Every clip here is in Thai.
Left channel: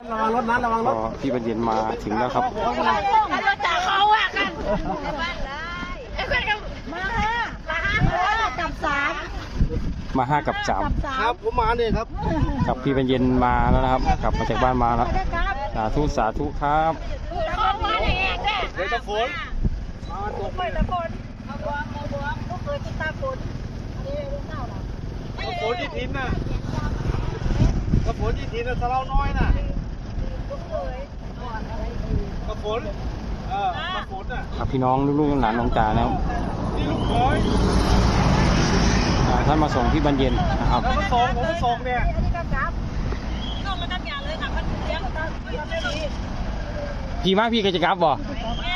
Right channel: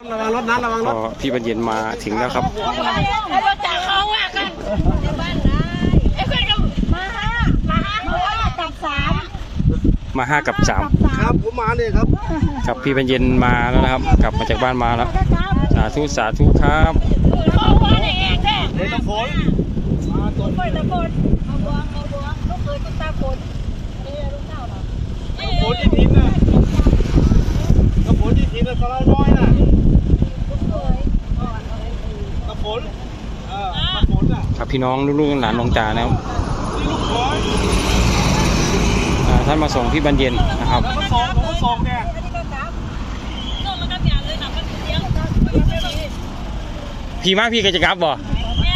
ระวังรถนะระวังรก็ถพี่บรรเย็นมาถึงแล้วครับแล้วรถจากเขาอะกันบ้านได้ไอ้เพื่อนกันมาห้ามาห้ากับสามมาห้ากับสามครับผมมาเนี่ยครับครับพี่บรรเย็นมาแล้วนะครับ กลับมาจากบ้านมาแล้วสาธุสาธุครับเขาว่าอย่างเงี้ยแค่เดี๋ยวตะโฟนมาตัวไปตะโกนเอาบวงเอาบวงลูกเคยคุณตาฝนนี่ลูกเต้าเหรอตะโฟนที่ทิ้นน่ะตะโฟนที่ทิ้นน่ะสะเล่าน้อยน่ะ ลูกเคยอ่อนอะไรดี ตะโฟ นเออตะโฟนน่ะครับพี่น้องลูกๆหลานหลวงตานะครับนี่ลูกร้อยอ่าท่านมาส่งพี่บรรเย็นนะครับ แล้วก็สองผมก็สองเนี่ยอันนี้ก็จับส่งมากับยาเลยค่ะมันเลี้ยงไม่ดีพี่มาพี่ก็จะกลับบ่แม่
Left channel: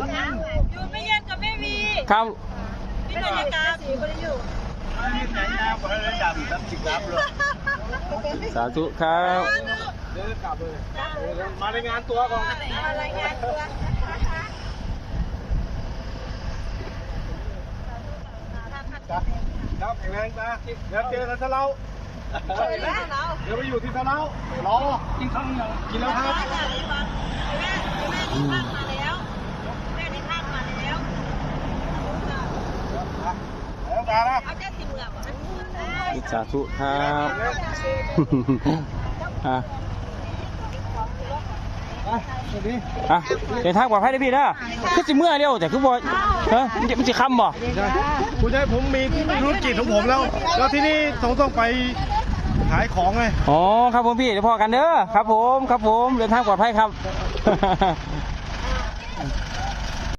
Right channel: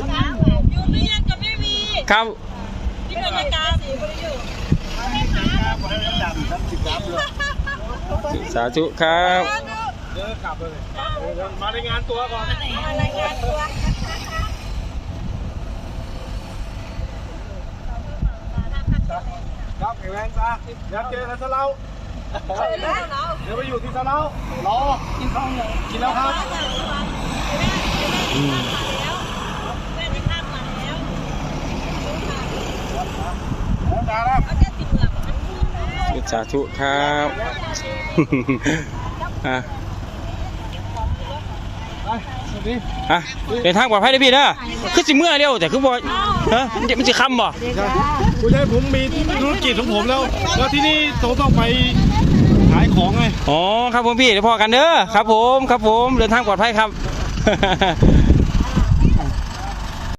จ้าอยู่ไม่แยกกับแม่วีครับที่บรรยากาศสีก็ได้อยู่สาธุครับ เดี๋ยวกลับเลยเดี๋ยวมารายงานตัวก่อนอะไรายงานตัวครับแข็งแรงจ้าเดี๋ยวเจอกันซะเล่าเจอแล้วเราเดี๋ยวไปอยู่ที่ซะเล่ารอกินข้าวยังกินแล้วครับแม่แม่ที่คาดมาแล้วแม่ที่คาดมาแล้วแล้วตาละเอาแค่ติดเหลืองสาธุครับอะไปสวัสดี อะเดินทางปลอดภัยนะพี่นะคือสิเมื่อเดียวแต่คือบ่ฮะมันจะมันจะคำบ่ใช่คุณยายผมมีธุรกิจของผมแล้ว แล้วที่นี่ต้องต้องไปขายของไงอ๋อครับผมพี่เดี๋ยวพอกันเด้อครับผมครับผมเดินทางปลอดภัยครับ